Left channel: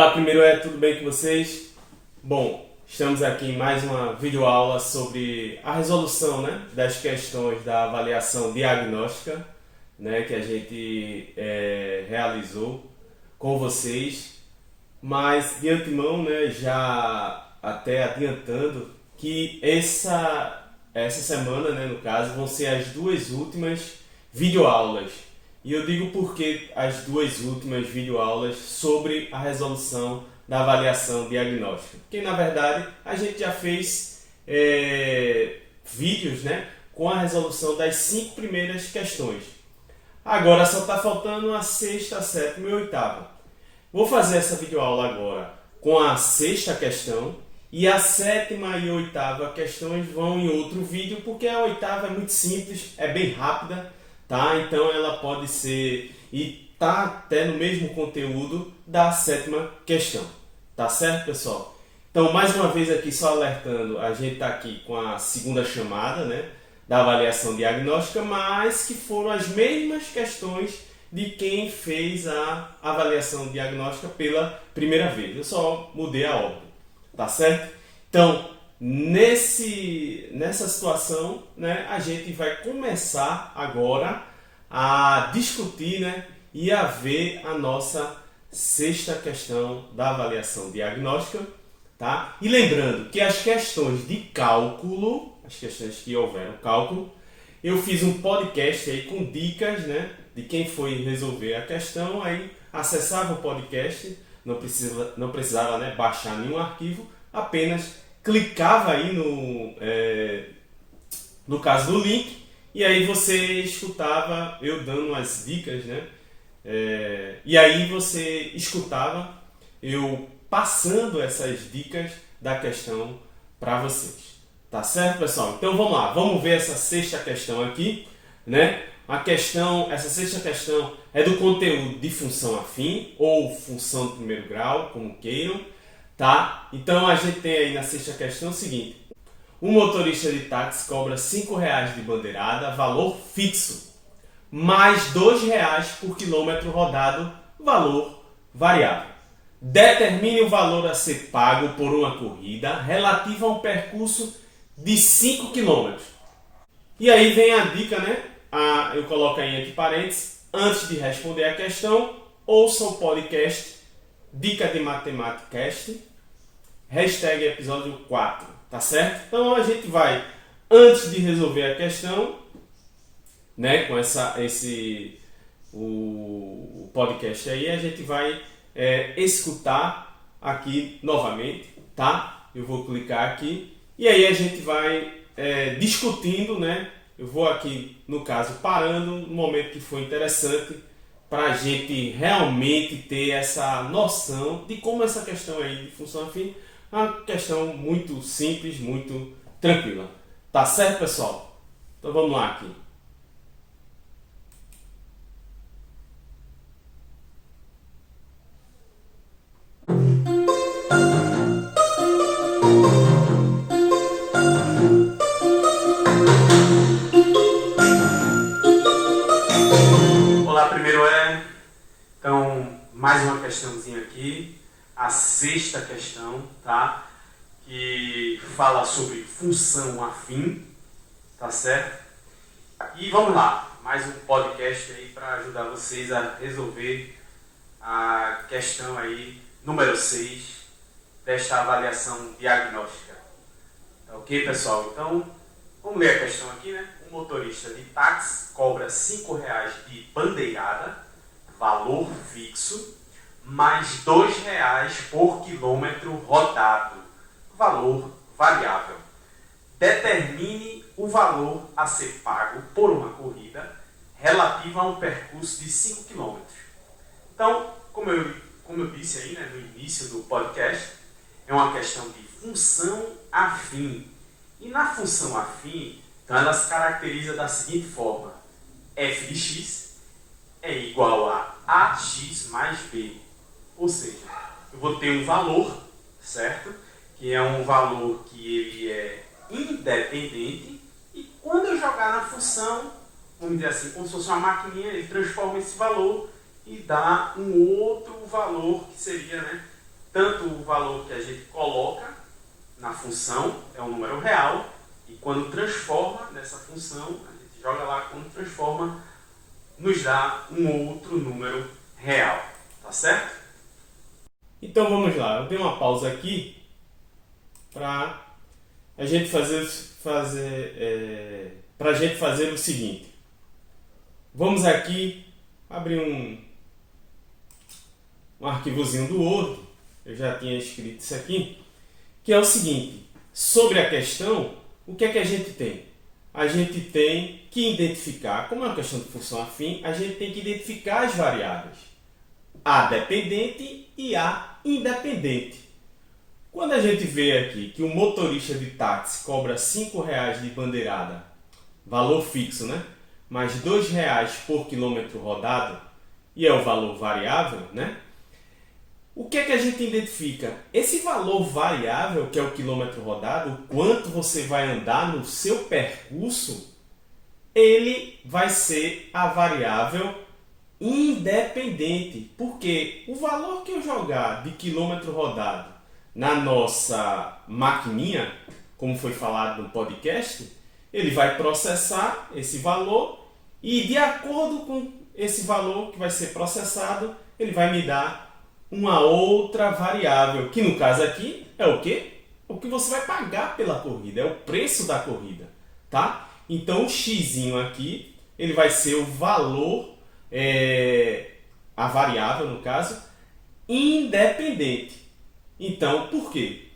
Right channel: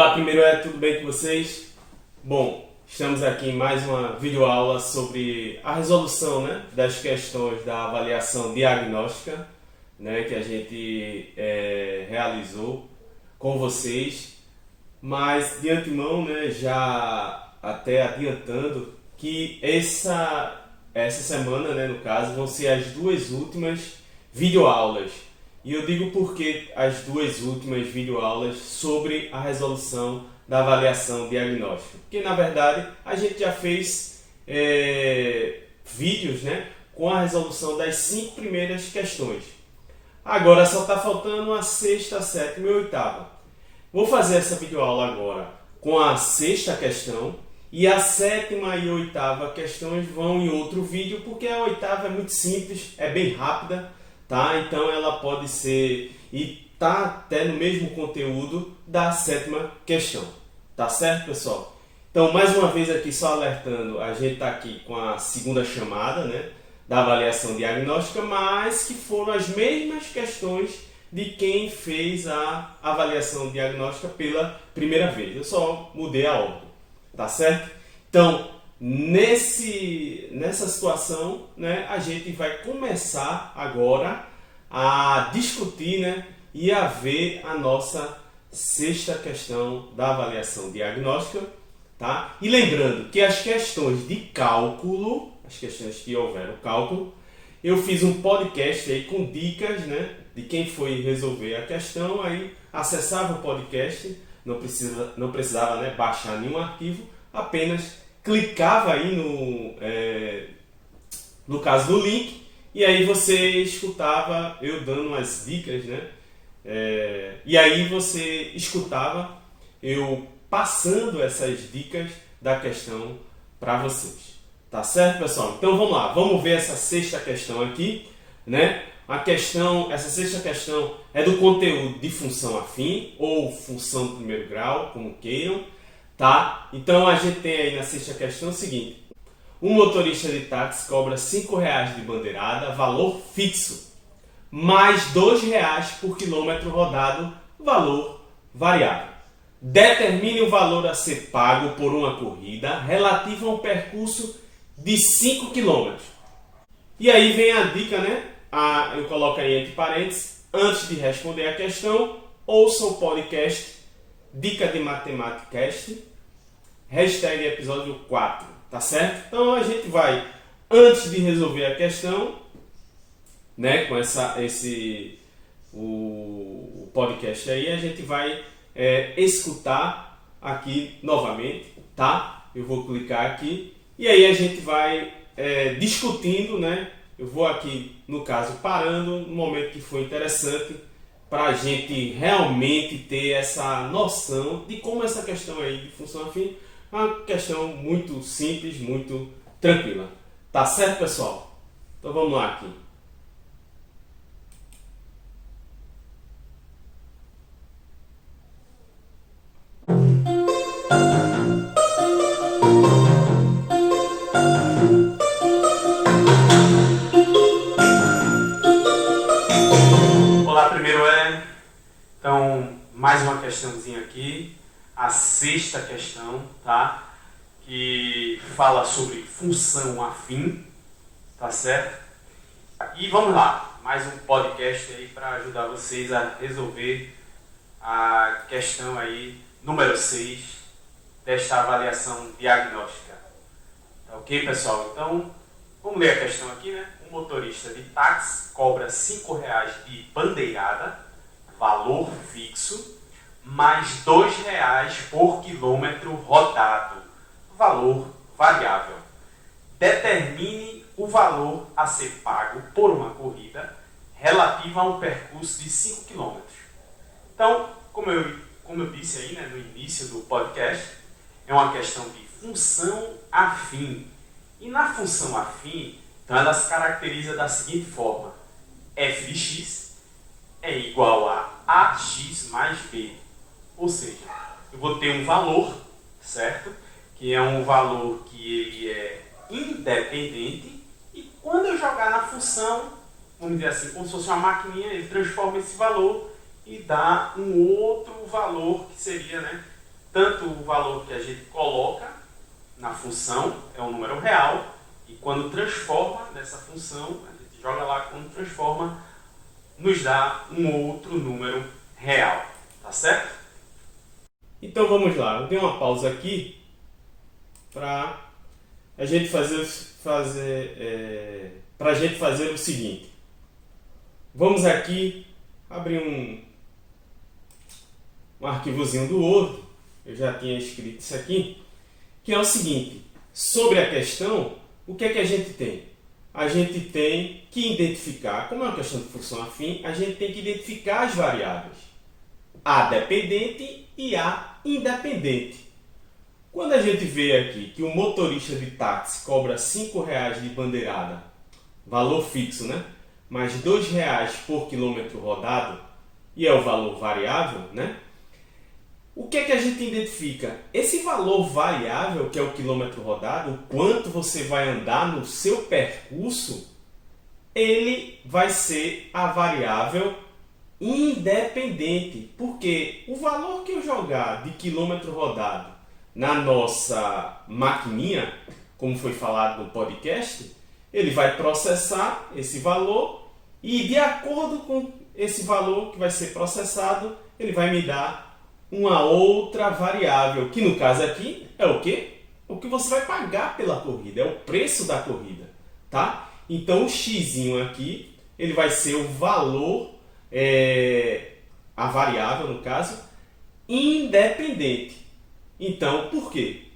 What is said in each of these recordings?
Olá, primeiro tudo bem com vocês? Bom, estamos aqui em mais uma videoaula sobre a resolução, das questões da avaliação diagnóstica, que a gente realizou com vocês, mas de antemão, já até adiantando que essa semana, no caso, vão ser as duas últimas videoaulas. E eu digo porque as duas últimas videoaulas sobre a resolução da avaliação diagnóstica. Porque, na verdade, a gente já fez vídeos com a resolução das 5 primeiras questões. Agora só está faltando a sexta, a sétima e a oitava. Vou fazer essa videoaula agora com a sexta questão e a sétima e a oitava questões vão em outro vídeo, porque a oitava é muito simples, é bem rápida. Tá? Então ela pode ser e tá até no mesmo conteúdo da sétima questão, tá certo, pessoal? Então, mais uma vez aqui só alertando, a gente está aqui com a segunda chamada, da avaliação diagnóstica, mas que foram as mesmas questões de quem fez a avaliação diagnóstica pela primeira vez. Eu só mudei a ordem, tá certo? Então, nessa situação, a gente vai começar agora a discutir e a ver a nossa sexta questão da avaliação diagnóstica. Tá? E lembrando que as questões de cálculo, as questões que houveram cálculo, eu fiz um podcast aí com dicas de quem foi resolver a questão, aí acessava o podcast, não precisava baixar nenhum arquivo, apenas clicava aí no caso do link, e aí você escutava eu dando umas dicas, e aí você escutava eu passando essas dicas da questão para vocês. Tá certo, pessoal? Então vamos lá, vamos ver essa sexta questão aqui, essa sexta questão é do conteúdo de função afim ou função de primeiro grau, como queiram. Tá? Então a gente tem aí na sexta questão o seguinte: um motorista de táxi cobra R$5 de bandeirada, valor fixo, mais R$2 por quilômetro rodado, valor variável. Determine o valor a ser pago por uma corrida relativa a um percurso de 5 km. E aí vem a dica, eu coloco aí entre parênteses, antes de responder a questão, ouça o podcast Dica de Matemática Cast, hashtag episódio 4, tá certo? Então a gente vai, antes de resolver a questão, com o podcast aí, a gente vai escutar aqui novamente, tá? Eu vou clicar aqui e aí a gente vai discutindo, Eu vou aqui, no caso, parando no momento que for interessante, para a gente realmente ter essa noção de como essa questão aí de função afim é uma questão muito simples, muito tranquila. Tá certo, pessoal? Então vamos lá aqui. Olá, primeiro então, mais uma questãozinha aqui, a sexta questão, tá? Que fala sobre função afim, tá certo? E vamos lá, mais um podcast aí para ajudar vocês a resolver a questão aí, número 6, desta avaliação diagnóstica. Tá ok, pessoal? Então, vamos ler a questão aqui, Um motorista de táxi cobra R$5 de bandeirada, valor fixo, mais R$2 por quilômetro rodado, valor variável. Determine o valor a ser pago por uma corrida relativa a um percurso de 5 km. Então, como eu disse aí no início do podcast, é uma questão de função afim. E na função afim, então ela se caracteriza da seguinte forma: f de x é igual a ax mais b. Ou seja, eu vou ter um valor, certo? Que é um valor que ele é independente, e quando eu jogar na função, vamos dizer assim, como se fosse uma maquininha, ele transforma esse valor e dá um outro valor que seria tanto o valor que a gente coloca na função é um número real, e quando transforma nessa função, a gente joga lá, quando transforma, nos dá um outro número real. Tá certo? Então vamos lá, eu dei uma pausa aqui para a gente fazer o seguinte. Vamos aqui abrir um arquivozinho do Word, eu já tinha escrito isso aqui, que é o seguinte: sobre a questão, o que é que a gente tem? A gente tem que identificar, como é uma questão de função afim, a gente tem que identificar as variáveis A dependente e A independente. Quando a gente vê aqui que o motorista de táxi cobra R$ 5,00 de bandeirada, valor fixo, né? Mais R$ 2,00 por quilômetro rodado, e é o valor variável, né? O que é que a gente identifica? Esse valor variável, que é o quilômetro rodado, o quanto você vai andar no seu percurso, ele vai ser a variável independente, porque o valor que eu jogar de quilômetro rodado na nossa maquininha, como foi falado no podcast, ele vai processar esse valor e, de acordo com esse valor que vai ser processado, ele vai me dar uma outra variável, que no caso aqui é o quê? O que você vai pagar pela corrida, é o preço da corrida, tá? Então o x aqui, ele vai ser o valor, a variável no caso, independente. Então, por quê?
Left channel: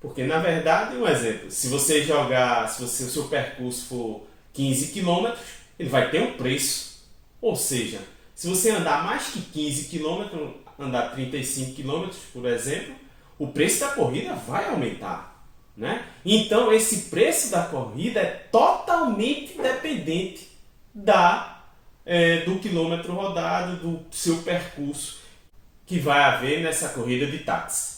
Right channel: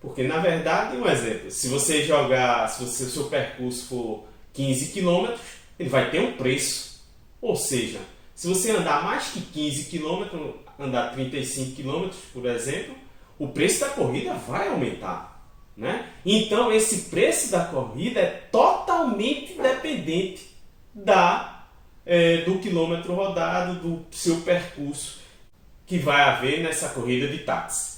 Porque, na verdade, um exemplo, se o seu percurso for 15 km, ele vai ter um preço. Ou seja, se você andar mais que 15 km, andar 35 km, por exemplo, o preço da corrida vai aumentar, né? Então, esse preço da corrida é totalmente dependente do quilômetro rodado, do seu percurso que vai haver nessa corrida de táxi.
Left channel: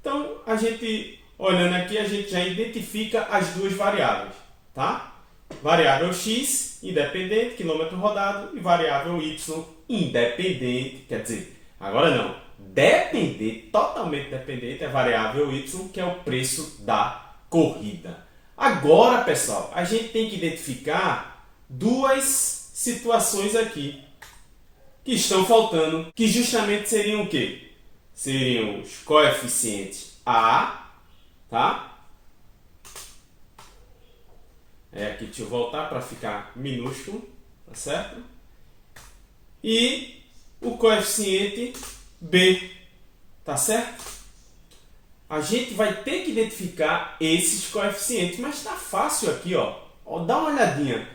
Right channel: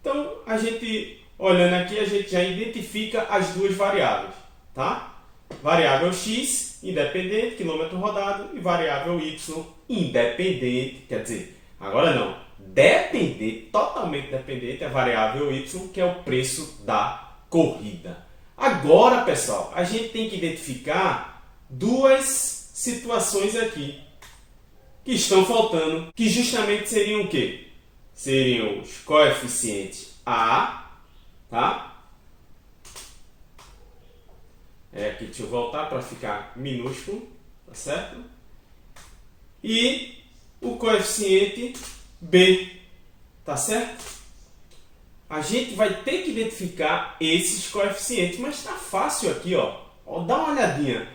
Então, a gente, olhando aqui, a gente já identifica as duas variáveis, tá? Variável x, independente, quilômetro rodado, e variável y, independente, quer dizer, agora não, dependente, totalmente dependente, é a variável y, que é o preço da corrida. Agora, pessoal, a gente tem que identificar duas situações aqui que estão faltando, que justamente seriam o quê? Seriam os coeficientes A, tá? Aqui deixa eu voltar para ficar minúsculo, tá certo? E o coeficiente B, tá certo? A gente vai ter que identificar esses coeficientes, mas tá fácil aqui, ó. Dá uma olhadinha.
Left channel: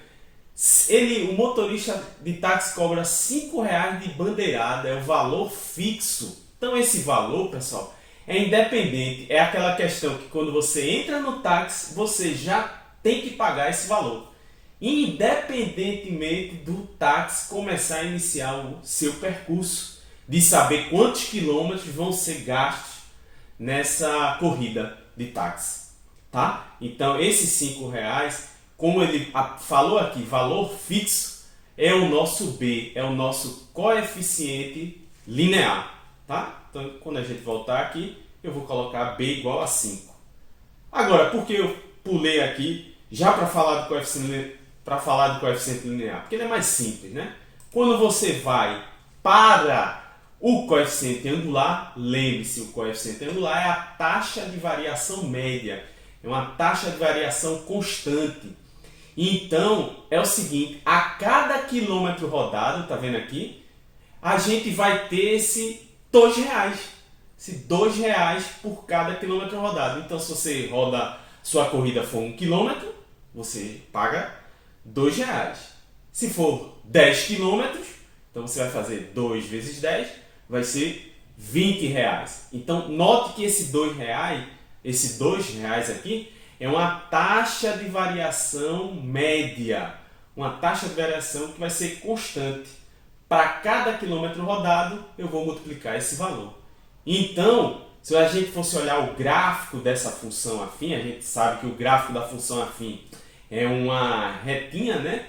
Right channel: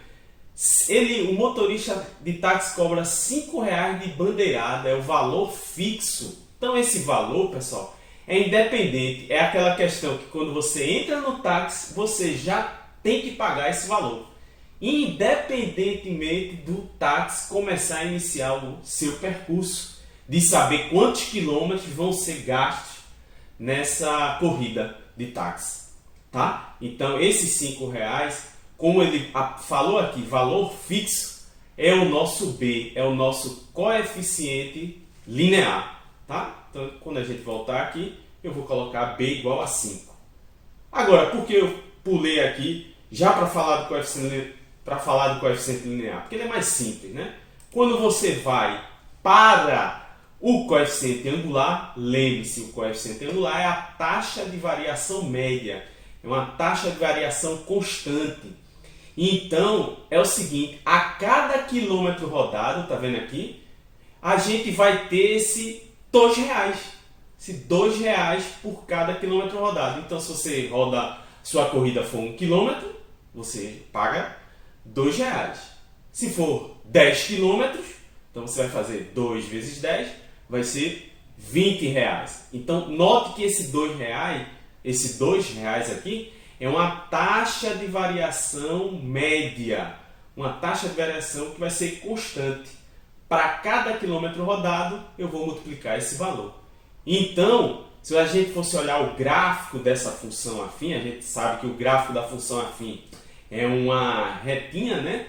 O motorista de táxi cobra R$ 5,00 de bandeirada, é o valor fixo. Então esse valor, pessoal, é independente. É aquela questão que quando você entra no táxi, você já tem que pagar esse valor, independentemente do táxi começar a iniciar o seu percurso, de saber quantos quilômetros vão ser gastos nessa corrida de táxi, tá? Então esses R$ 5,00, como ele falou aqui, valor fixo, é o nosso B, é o nosso coeficiente linear. Tá? Então, quando a gente voltar aqui, eu vou colocar B igual a 5. Agora, por que eu pulei aqui já para falar do coeficiente linear? Porque ele é mais simples, né? Quando você vai para o coeficiente angular, lembre-se, o coeficiente angular é a taxa de variação média, é uma taxa de variação constante. Então, é o seguinte, a cada quilômetro rodado, tá vendo aqui, a gente vai ter esse R$ 2,00. Se R$ 2,00 por cada quilômetro rodado. Então, se você sua corrida for 1 quilômetro, você paga R$ 2,00. Se for 10 quilômetros, então você vai fazer 2 vezes 10, vai ser R$ 20. Então, note que esse R$ 2,00 aqui é uma taxa de variação média, uma taxa de variação que vai ser constante. Para cada quilômetro rodado, eu vou multiplicar esse valor. Então, se a gente fosse olhar o gráfico dessa função afim, a gente sabe que o gráfico da função afim é uma retinha, né?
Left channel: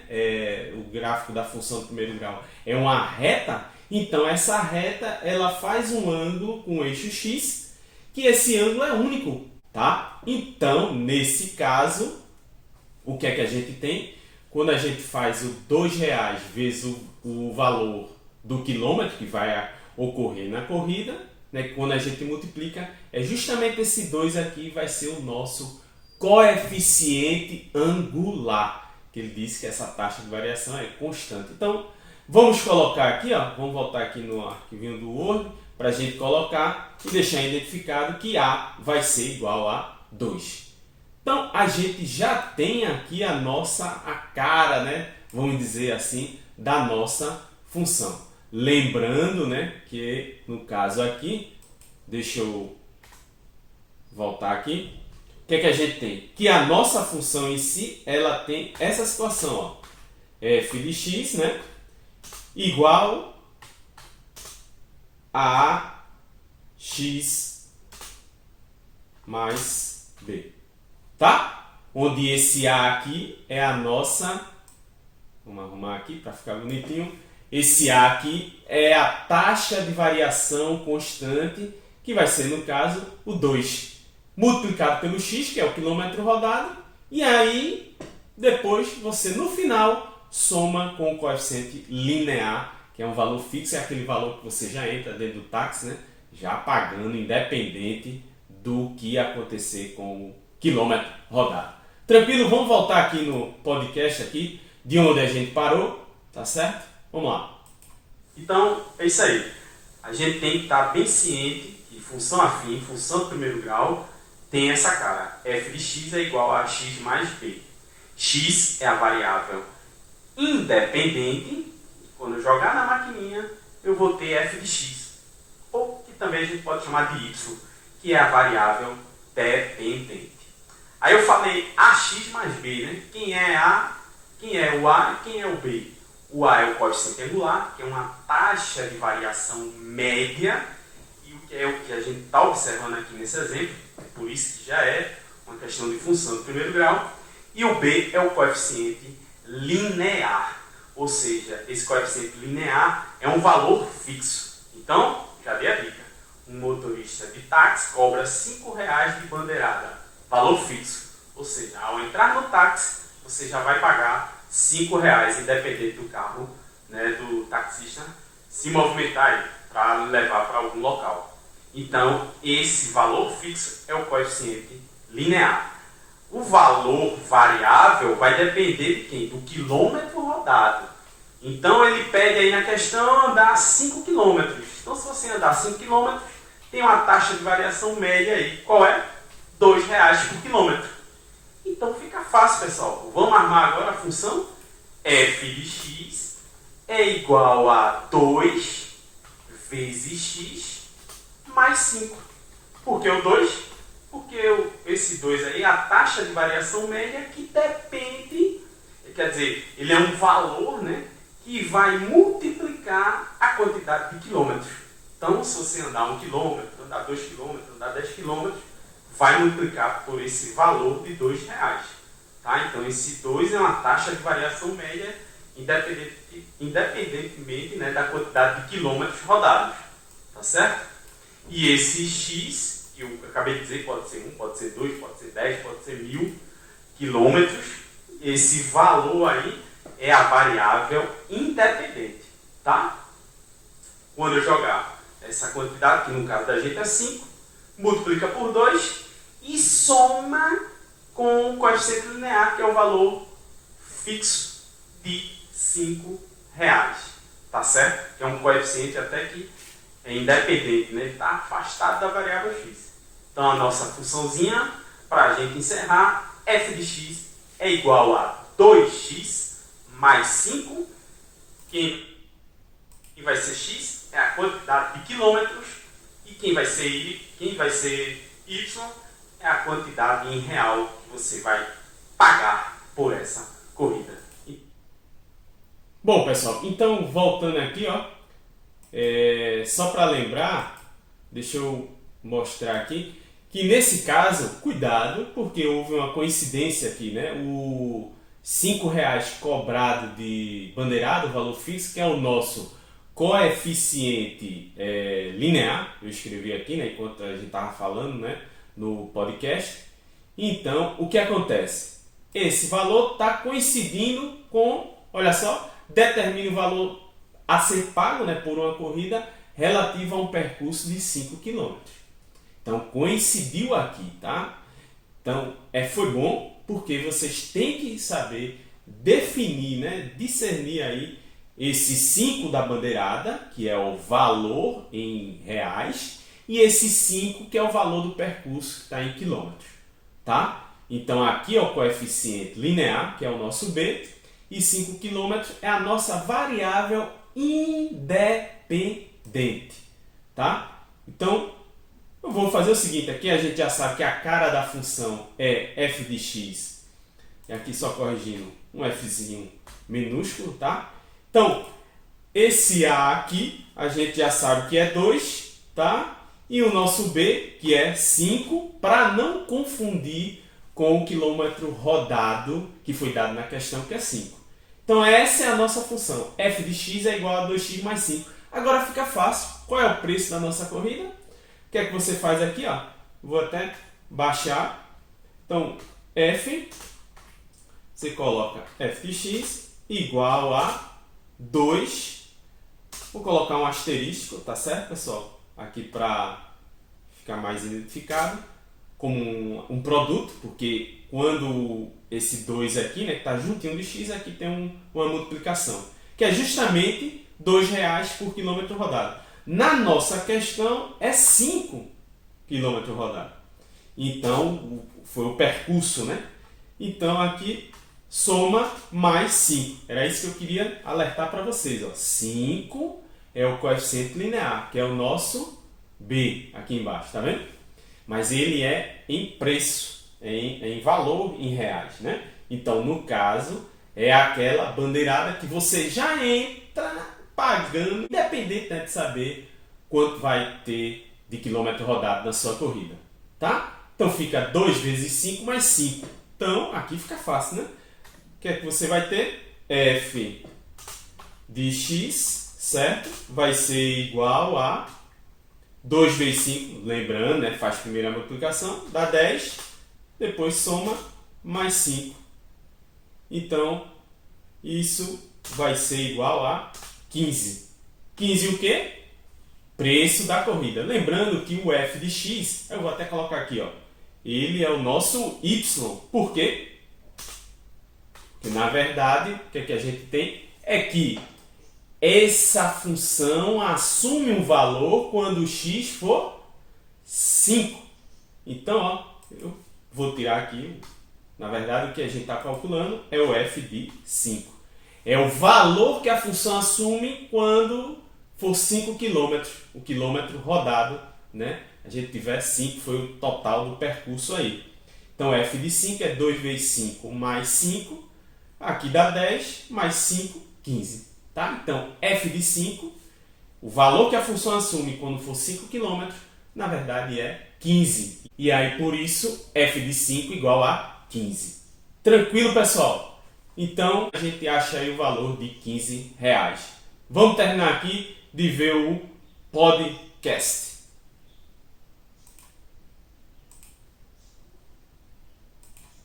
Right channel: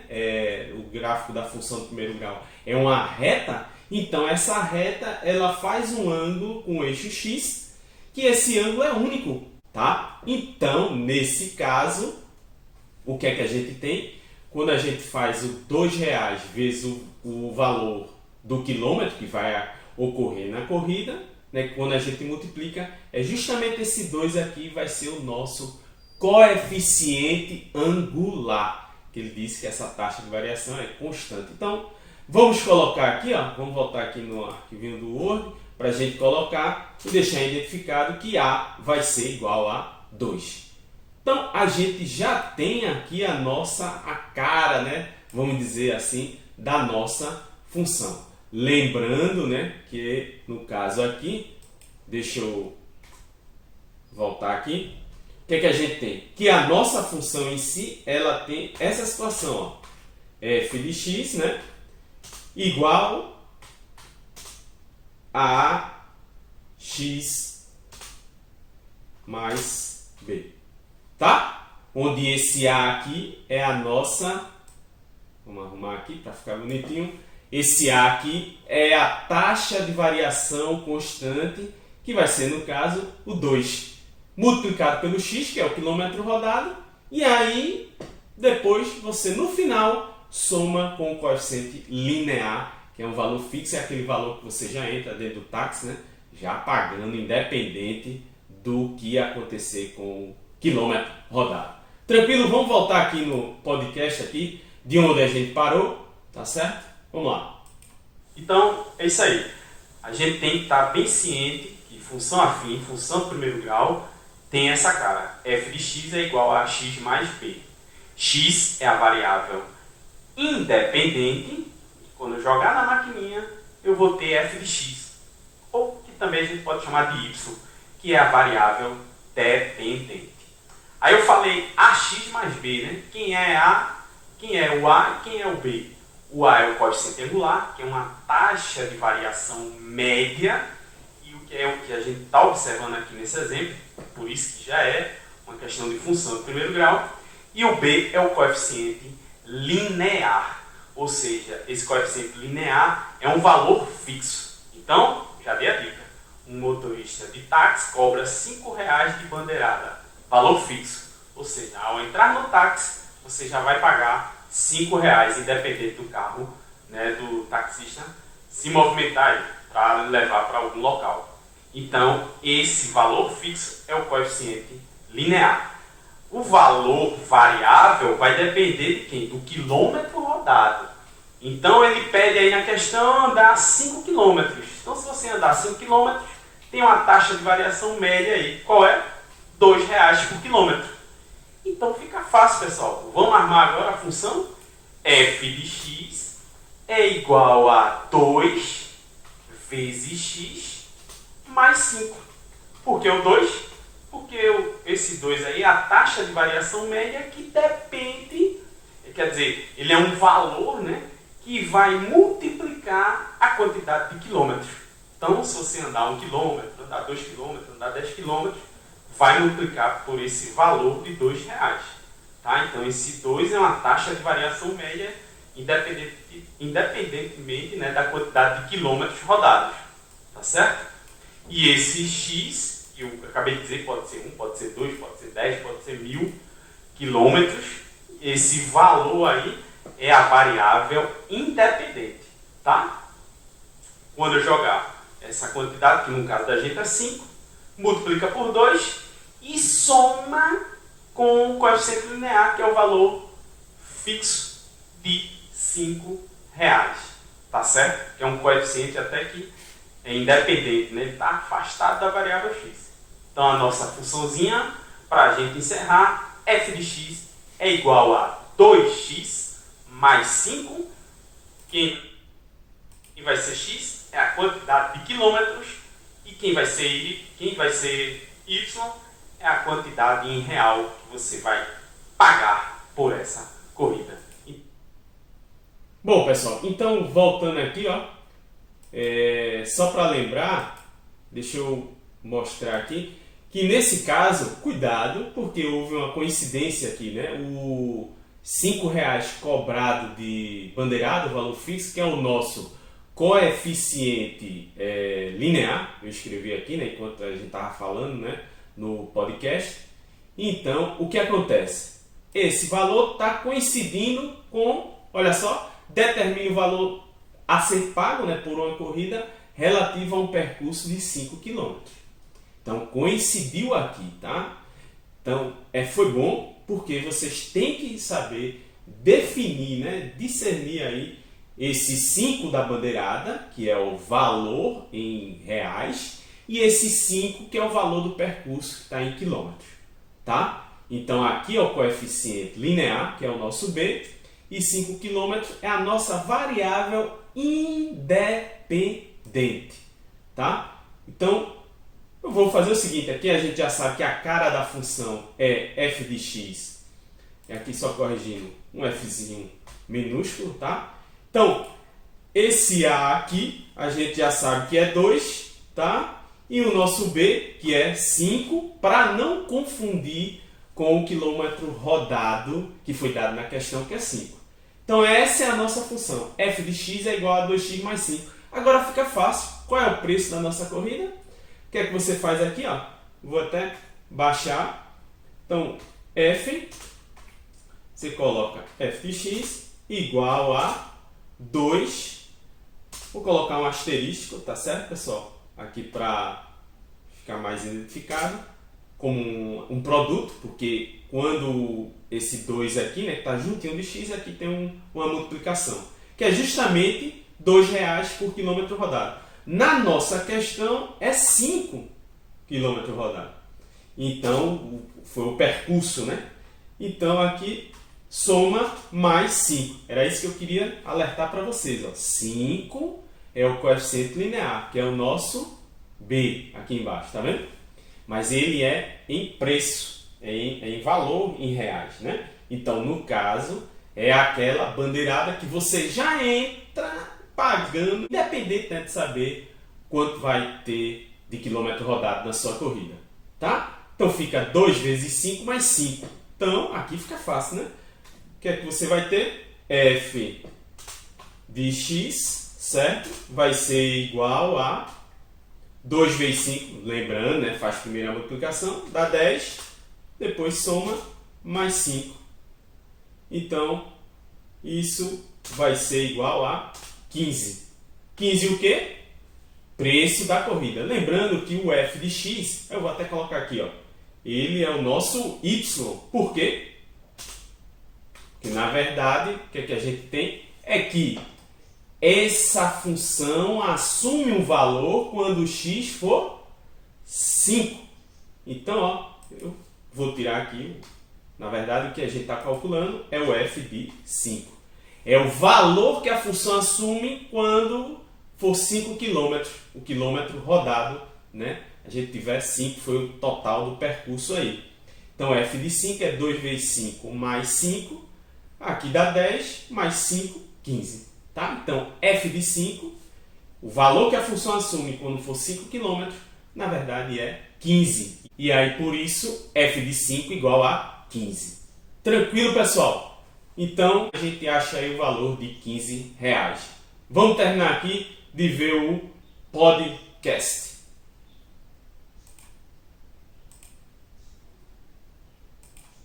O gráfico da função do primeiro grau é uma reta. Então essa reta ela faz um ângulo com o eixo X, que esse ângulo é único, tá? Então, nesse caso, o que é que a gente tem? Quando a gente faz o R$ 2 vezes o valor do quilômetro que vai ocorrer na corrida, né? Quando a gente multiplica, é justamente esse 2 aqui vai ser o nosso coeficiente angular, que ele disse que essa taxa de variação é constante. Então, vamos colocar aqui, ó, vamos voltar aqui no arquivinho do Word, para a gente colocar e deixar identificado que A vai ser igual a 2. Então, a gente já tem aqui a cara, né, vamos dizer assim, da nossa função. Lembrando, né, que no caso aqui, deixa eu voltar aqui, o que é que a gente tem? Que a nossa função em si, ela tem essa situação, ó, f de x, né, igual a x mais b, tá? Onde esse a aqui é a nossa, vamos arrumar aqui para ficar bonitinho, esse a aqui é a taxa de variação constante, que vai ser, no caso, o 2, multiplicado pelo x, que é o quilômetro rodado, e aí, depois, você, no final, soma com o coeficiente linear, que é um valor fixo, é aquele valor que você já entra dentro do táxi, né? Já pagando, independente do que acontecer com o quilômetro rodado. Tranquilo? Vamos voltar aqui no podcast, aqui, de onde a gente parou, tá certo? Vamos lá. Então, é isso aí. A gente tem que estar bem ciente que função afim, função de primeiro grau, tem essa cara. f de x é igual a x mais b. X é a variável independente. Quando eu jogar na maquininha, eu vou ter f de x. Ou que também a gente pode chamar de y, que é a variável dependente. Aí eu falei ax mais b, né? Quem é o a e quem é o b? O a é o coeficiente angular, que é uma taxa de variação média, e o que a gente está observando aqui nesse exemplo, por isso que já é uma questão de função de primeiro grau. E o b é o coeficiente linear, ou seja, esse coeficiente linear é um valor fixo. Então, já dei a dica, um motorista de táxi cobra R$ 5,00 de bandeirada, valor fixo, ou seja, ao entrar no táxi, você já vai pagar R$ 5,00, independente do carro, né, do taxista se movimentar para levar para algum local. Então, esse valor fixo é o coeficiente linear. O valor variável vai depender de quem? Do quilômetro rodado. Então, ele pede aí na questão andar 5 km. Então, se você andar 5 km, tem uma taxa de variação média aí. Qual é? R$ 2,00 por quilômetro. Então, fica fácil, pessoal. Vamos armar agora a função f de x é igual a 2 vezes x mais 5. Por que o 2? Porque esse 2 aí é a taxa de variação média que depende, quer dizer, ele é um valor, né, que vai multiplicar a quantidade de quilômetros. Então, se você andar 1 km, andar 2 km, andar 10 km, vai multiplicar por esse valor de R$ 2,00. Tá? Então, esse 2 é uma taxa de variação média independentemente, né, da quantidade de quilômetros rodados. Tá certo? E esse x, que eu acabei de dizer, pode ser 1, pode ser 2, pode ser 10, pode ser 1.000 quilômetros. Esse valor aí é a variável independente. Tá? Quando eu jogar essa quantidade, que no caso da gente é 5, multiplica por 2 e soma com o coeficiente linear, que é o valor fixo de R$ 5,00. Tá certo? Que é um coeficiente até que é independente, né? Ele está afastado da variável x. Então, a nossa funçãozinha, para a gente encerrar, f de x é igual a 2x mais 5. Quem vai ser x é a quantidade de quilômetros e quem vai ser y é a quantidade em real que você vai pagar por essa corrida. Bom, pessoal, então voltando aqui, ó, só para lembrar, deixa eu mostrar aqui, que nesse caso, cuidado, porque houve uma coincidência aqui, né? O R$ 5,00 cobrado de bandeirada, o valor fixo, que é o nosso coeficiente linear, eu escrevi aqui, né, enquanto a gente estava falando, né, no podcast. Então, o que acontece? Esse valor está coincidindo com, olha só, determina o valor a ser pago, né, por uma corrida relativo a um percurso de 5 km. Então, coincidiu aqui, tá? Então, foi bom porque vocês têm que saber definir, né, discernir aí esse 5 da bandeirada, que é o valor em reais, e esse 5 que é o valor do percurso que está em quilômetros, tá? Então, aqui é o coeficiente linear, que é o nosso B, e 5 km é a nossa variável independente, tá? Então, eu vou fazer o seguinte, aqui a gente já sabe que a cara da função é f de x, e aqui só corrigindo, um fzinho minúsculo, tá? Então, esse A aqui, a gente já sabe que é 2, tá? E o nosso B, que é 5, para não confundir com o quilômetro rodado, que foi dado na questão, que é 5. Então, essa é a nossa função. F de x é igual a 2x mais 5. Agora fica fácil. Qual é o preço da nossa corrida? O que é que você faz aqui? Ó? Vou até baixar. Então, F, você coloca f de x igual a 2. Vou colocar um asterístico, tá certo, pessoal? Aqui para ficar mais identificado como um produto, porque quando esse 2 aqui, né, que está juntinho de x, aqui tem uma multiplicação, que é justamente R$2 por quilômetro rodado. Na nossa questão é 5 km rodado. Então, foi o percurso, né? Então, aqui, soma mais 5. Era isso que eu queria alertar para vocês. Ó. 5 é o coeficiente linear, que é o nosso B, aqui embaixo, tá vendo? Mas ele é em preço, em valor em reais, né? Então, no caso, é aquela bandeirada que você já entra pagando, independente, né, de saber quanto vai ter de quilômetro rodado na sua corrida, tá? Então, fica 2 vezes 5 mais 5. Então, aqui fica fácil, né? O que é que você vai ter? F de x, certo? Vai ser igual a 2 vezes 5, lembrando, né? Faz primeiro a multiplicação, dá 10, depois soma mais 5. Então, isso vai ser igual a 15. 15 o quê? Preço da corrida. Lembrando que o f de x, eu vou até colocar aqui, ó, ele é o nosso y. Por quê? Porque, na verdade, o que é que a gente tem? É que essa função assume um valor quando o x for 5. Então, ó, eu vou tirar aqui. Na verdade, o que a gente está calculando é o f de 5. É o valor que a função assume quando for 5 km, o quilômetro rodado, né? A gente tiver 5, foi o total do percurso aí. Então, f de 5 é 2 vezes 5 mais 5. Aqui dá 10, mais 5, 15. Tá? Então, f de 5, o valor que a função assume quando for 5 km, na verdade é 15. E aí, por isso, f de 5 igual a 15. Tranquilo, pessoal? Então, a gente acha aí o valor de R$15. Vamos terminar aqui de ver o podcast.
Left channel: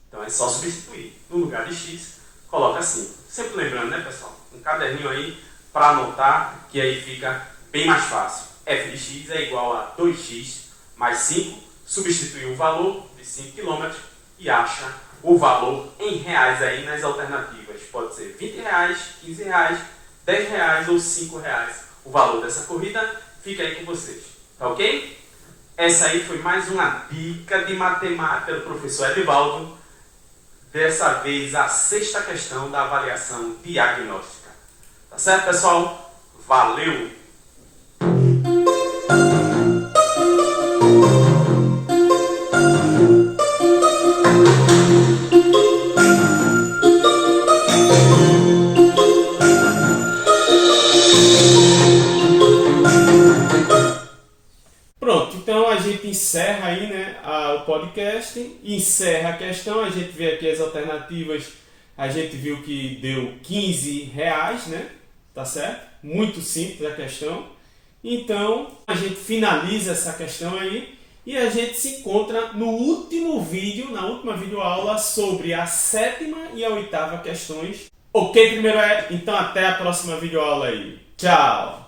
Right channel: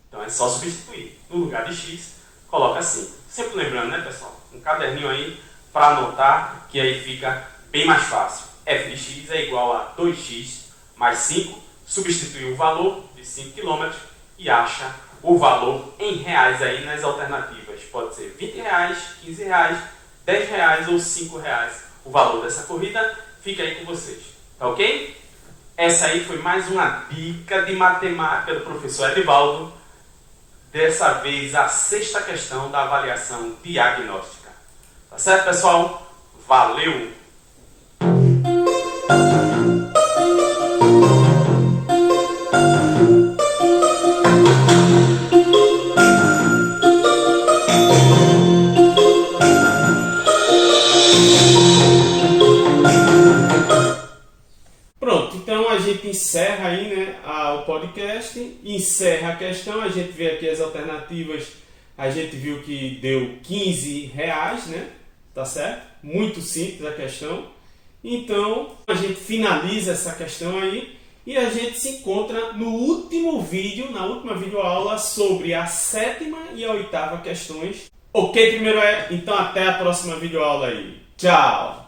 Então é só substituir. No lugar de x, coloca 5. Sempre lembrando, né, pessoal? Um caderninho aí para anotar, que aí fica bem mais fácil. f de x é igual a 2x mais 5. Substitui o valor de 5 km e acha o valor em reais aí nas alternativas. Pode ser R$20, R$15, R$10 ou R$5. O valor dessa corrida fica aí com vocês. Tá ok? Essa aí foi mais uma dica de matemática do professor Edivaldo. Dessa vez a 6ª questão da avaliação diagnóstica. Tá certo, pessoal? Valeu! Pronto, então a gente encerra aí, né, o podcast, encerra a questão, a gente vê aqui as alternativas, a gente viu que deu R$15, né? tá certo? Muito simples a questão. Então, a gente finaliza essa questão aí e a gente se encontra no último vídeo, na última videoaula sobre a 7ª e a 8ª questões. Ok, primeiro é? Então até a próxima videoaula aí. Tchau!